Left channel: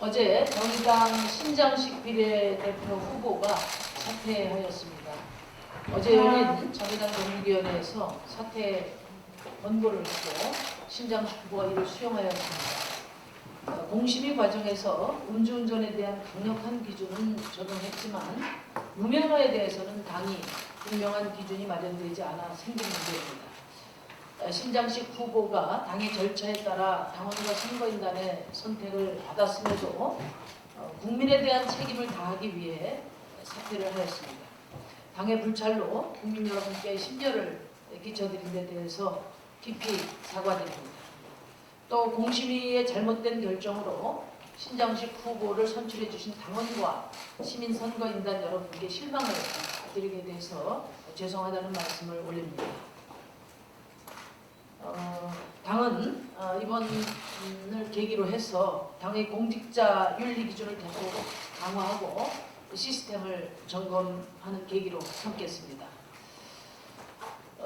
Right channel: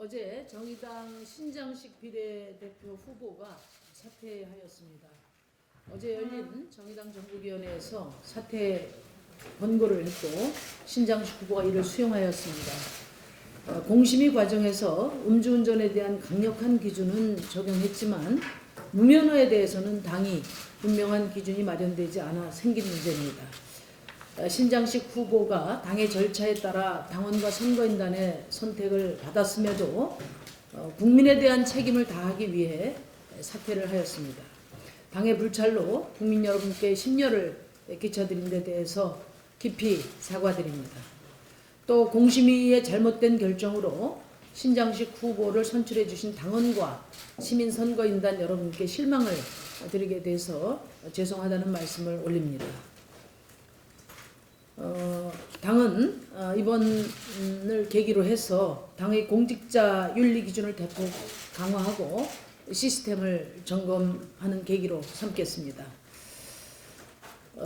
어제 정의당 신장식 비례대표 후보가 사퇴하였습니다. 어제 열린 정의당 전국위원회에서 사퇴 권고를 했고 신장식 후보가 이를 수용하였습니다. 공심위 과정에서 음주운전에 대한 강력한 기준은 적용했지만 무면허에 대해서는 당이 분명한 기준이 마련되지 않아 생긴 문제입니다. 신장식 후보가 당의 절차에 따라 당원과 선거인단의 선택을 받았음에도 국민에 대한 책임을 다하기 위해 사퇴를 하였습니다. 당의 불찰로 국민 여러분께 심려를 끼쳐드린 데 대해서 깊이 사과드립니다. 또 공심위의 잘못된 결정으로 신장식 후보를 선출해 주신 당원과 시민 선거인단 여러분께 실망을 드리게 돼서 죄송하다는 말씀을 올립니다. 당은 이번을 계기로 해서 당의 공직자 윤리 기준을 대폭 강화하고 시스템을 점검하는 계기로 삼겠습니다.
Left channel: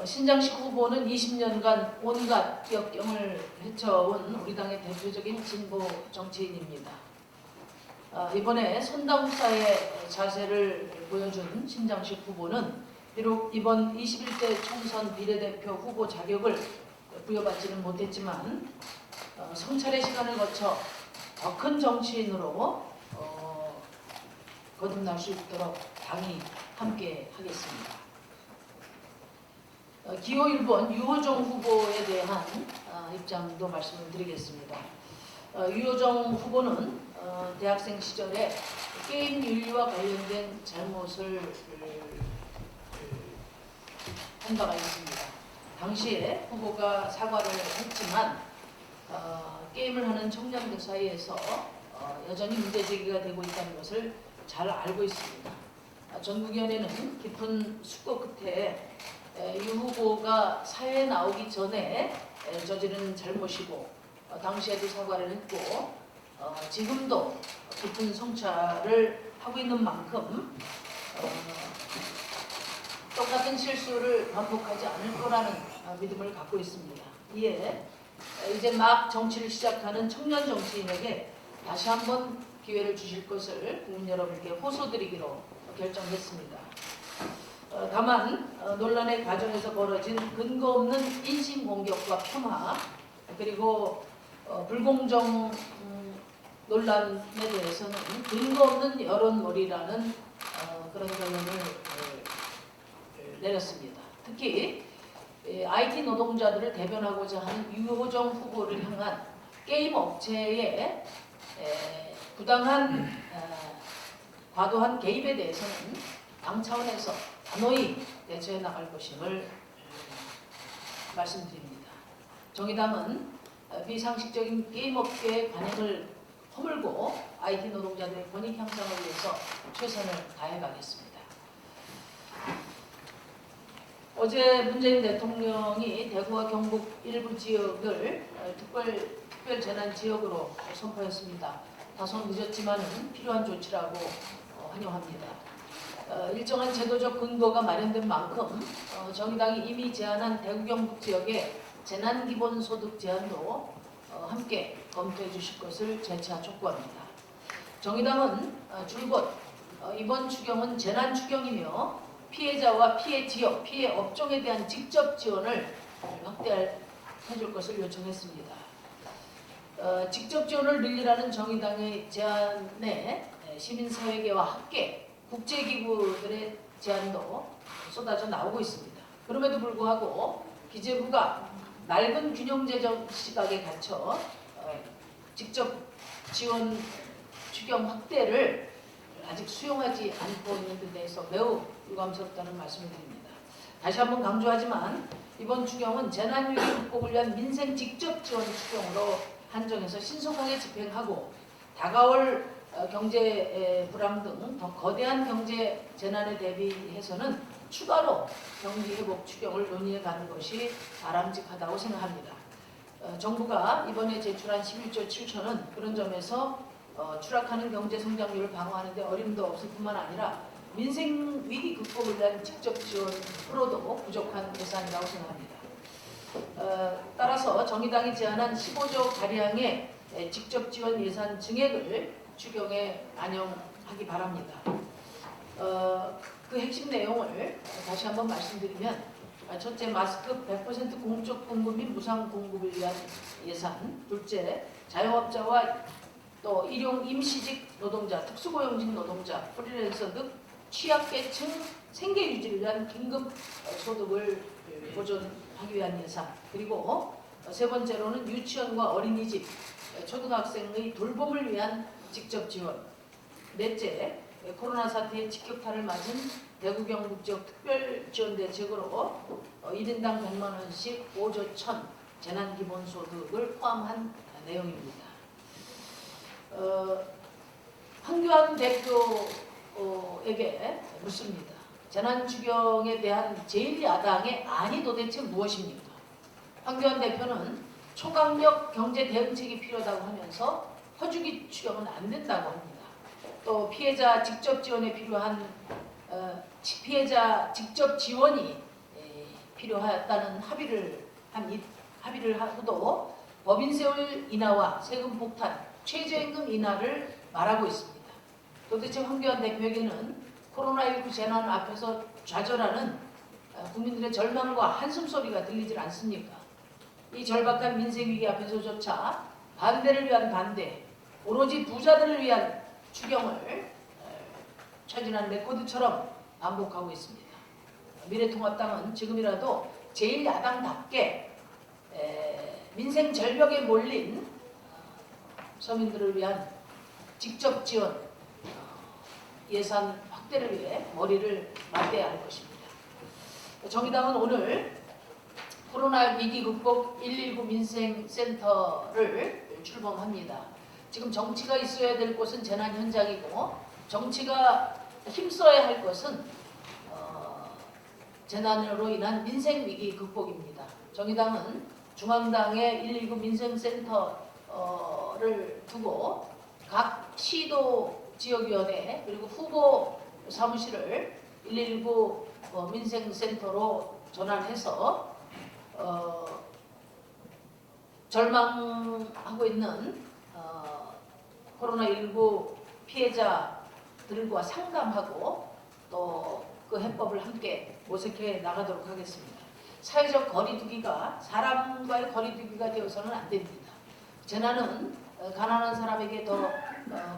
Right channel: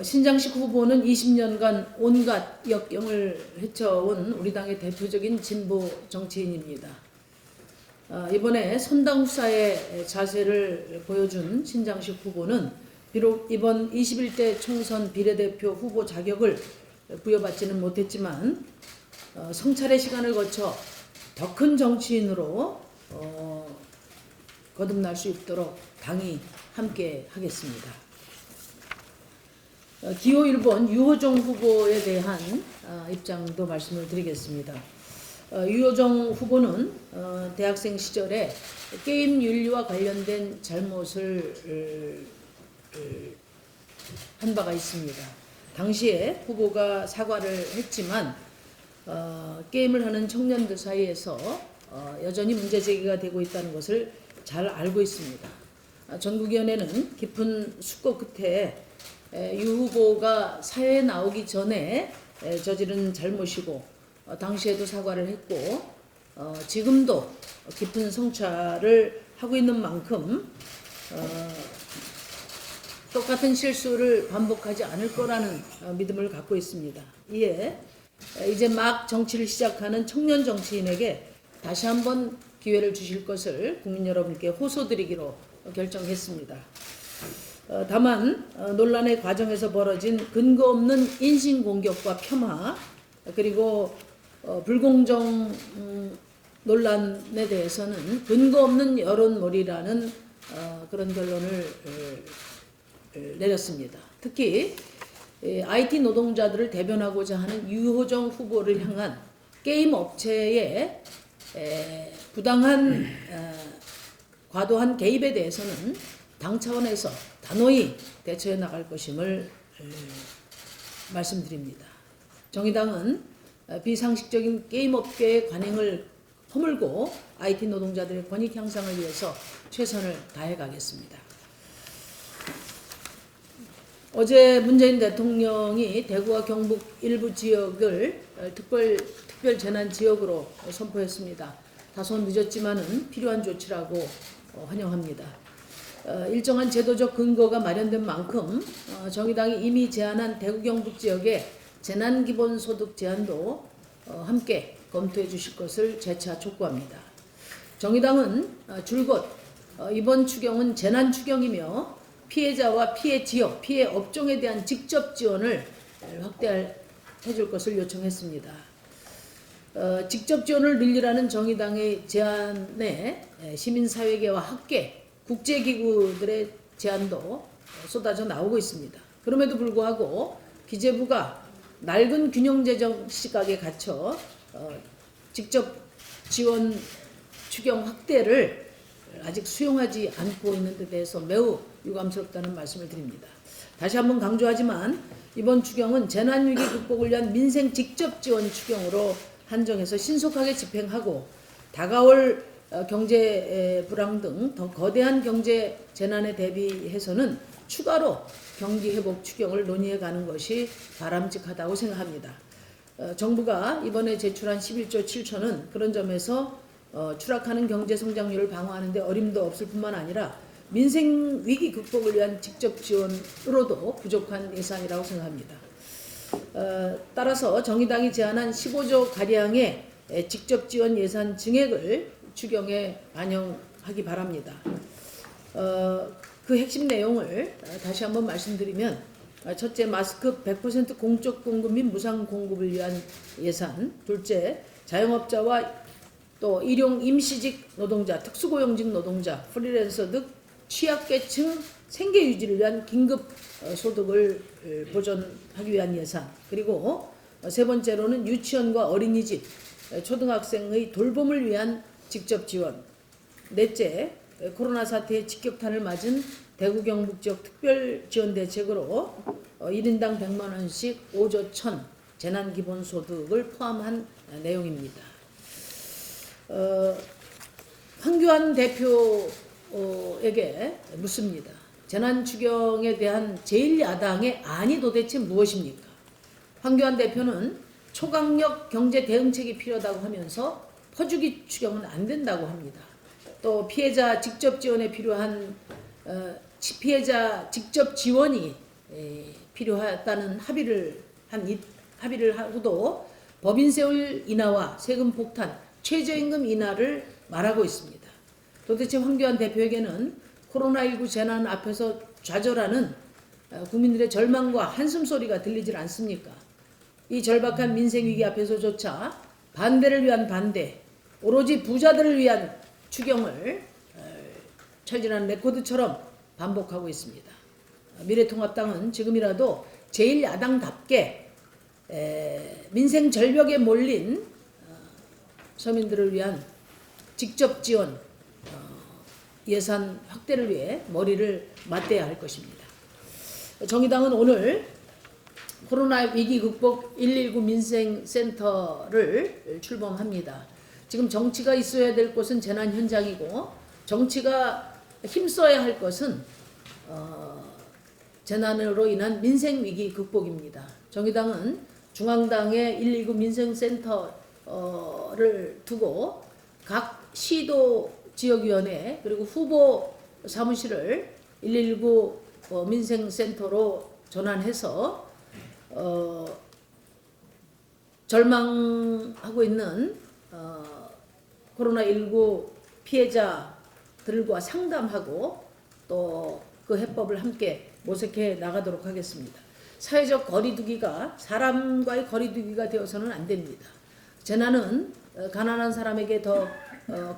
신장식 후보는 20년간 온갖 역경을 헤쳐온 우리 당의 대표적인 진보 정치인입니다. 이번에 선당후사의 자세를 보여준 신장식 후보는 비록 이번 21대 총선 비례대표 후보 자격을 부여받지는 못했지만 성찰의 시간을 거쳐 더 큰 정치인으로 거듭날 수 있도록 당이 함께 하겠습니다. 기호 1번 유호정 후보에 대한 입장도 말씀을 드리겠습니다. 유호정 후보는 대학생 시절에 게임 윤리와 관련된 잘못을 한 바가 있습니다. 당시에 후보가 사과를 했지만 게임을 하는 청년들 사이에서 여전히 문제제기가 되고 있다는 것을 잘 알고 있습니다. 전국위원회는 깊은 숙고 끝에 유 후보가 사회에 나오기 전에 저지른 잘못이고 당시에도 사과를 했고 지금도 깊은 성찰을 하고 있는 만큼 똑같은 실수를 반복하지 않을 거라는 믿음을 갖고 있습니다. 이에 이제 막 정치를 시작하는 청년 정치인에게 다시 한번 기회를 주실 것을 국민 여러분께 호소드리기로 결정했습니다. 다만 논란의 과정에서 벌어진 근거 없는 인신공격과 폄하 그리고 불공정 논란에 대해서는 근거 없는 여론몰이라는 그런 결론을 내렸습니다. 특히 IT 노동자들을 대변하고자 하는 유호정 후보를 향한 게임 업체의 부당한 과도한 개입에 대해서는 당 차원에서 단호히 대처해 나갈 것임을 말씀드립니다. 정의당은 비상식적인 게임 업계의 관행을 허물고 IT 노동자들의 권익 향상을 위해서 최선을 다해 가겠습니다. 어제 문재인 대통령이 대구와 경북 일부 지역을 특별 재난 지역으로 선포했습니다. 다소 늦었지만은 필요한 조치라고 환영합니다. 일정한 제도적 근거가 마련된 만큼 정의당이 이미 제안한 대구 경북 지역의 재난기본소득 제안도 함께 검토해 주실 것을 재차 촉구합니다. 정의당은 줄곧 이번 추경은 재난 추경이며 피해자와 피해 지역, 피해 업종에 대한 직접 지원을 확대해 줄 것을 요청했습니다. 직접 지원을 늘리라는 정의당의 제안에 시민사회계와 학계, 국제기구들의 제안도 쏟아져 나오고 있습니다. 그럼에도 불구하고 기재부가 낡은 균형재정 시각에 갇혀 직접 지원 추경 확대를 아직 수용하지 않고 있는 데 대해서 매우 유감스럽다는 말씀을 드립니다. 다시 한번 강조하지만 이번 추경은 재난위기 극복을 위한 민생 직접 지원 추경으로 한정해서 신속하게 집행하고 다가올 경제 불황 등 더 거대한 경제 재난에 대비해서는 추가로 경기 회복 추경을 논의해 가는 것이 바람직하다고 생각합니다. 정부가 이번에 제출한 11조 7천은 그런 점에서 추락하는 경제 성장률을 방어하는 데 어림도 없을 뿐만 아니라 민생 위기 극복을 위한 직접 지원으로도 부족한 예산이라고 생각합니다. 따라서 정의당이 제안한 15조 가량의 직접 지원 예산 증액을 추경에 반영하기 바랍니다. 그 핵심 내용을 다시 한번 말씀드리면, 첫째, 마스크 100% 공적 공급 및 무상 공급을 위한 예산. 둘째, 자영업자와 또 일용 임시직 노동자, 특수고용직 노동자, 프리랜서 등 취약계층 생계 유지를 위한 긴급 소득을 보존하기 위한 예산. 그리고 세 번째로는 유치원과 어린이집, 초등학생의 돌봄을 위한 직접 지원. 넷째, 코로나 사태의 직격탄을 맞은 대구 경북 지역 특별 지원 대책으로 1인당 100만 원씩 5조 1천 재난기본소득을 포함한 내용입니다. 황교안 대표에게 묻습니다. 재난추경에 대한 제1야당의 안이 도대체 무엇입니까? 황교안 대표는 초강력 경제 대응책이 필요하다고 하면서 퍼주기 추경은 안 된다고 합니다. 또 피해자 직접 지원에 필요한 피해자 직접 지원이 필요하다는 합의를 하고도 법인세율 인하와 세금 폭탄, 최저임금 인하를 말하고 있습니다. 도대체 황교안 대표에게는 코로나19 재난 앞에서 좌절하는 국민들의 절망과 한숨소리가 들리질 않습니까? 이 절박한 민생위기 앞에서조차 반대를 위한 반대, 오로지 부자들을 위한 추경을 철진한 레코드처럼 반복하고 있습니다. 미래통합당은 지금이라도 제1야당답게 민생 절벽에 몰린 서민들을 위한 직접 지원 예산 확대를 위해 머리를 맞대야 할 것입니다. 정의당은 오늘 코로나 위기 극복 119 민생센터를 출범합니다. 지금 정치가 있어야 될 곳은 재난 현장이고 정치가 힘써야 할 것은 재난으로 인한 민생 위기 극복입니다. 정의당은 중앙당의 119 민생센터를 두고 각 시도 지역위원회 그리고 후보 사무실을 119 민생센터로 전환해서 절망하고 있는 코로나19 피해자들과 상담하고 또 그 해법을 함께 모색해 나가도록 하겠습니다. 사회적 거리두기가 사람과의 거리두기가 되어서는 안 됩니다. 재난은 가난한 사람에게 더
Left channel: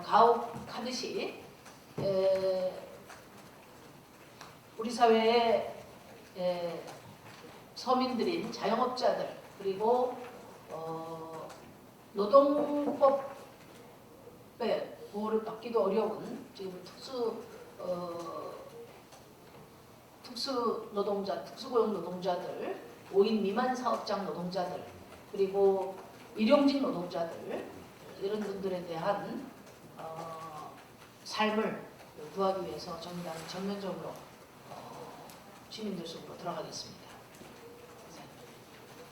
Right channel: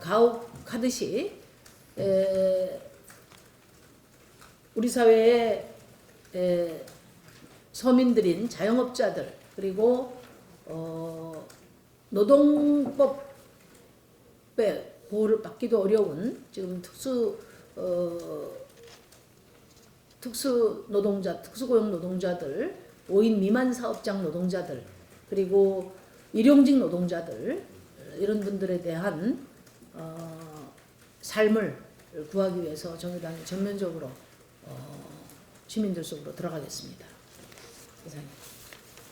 가혹하듯이 우리 사회의 서민들인 자영업자들 그리고 노동법의 보호를 받기도 어려운 지금 특수노동자, 특수고용 노동자들, 5인 미만 사업장 노동자들, 그리고 일용직 노동자들 이런 분들에 대한 삶을 구하기 위해서 정의당이 전면적으로 시민들 속으로 들어가겠습니다. 감사합니다.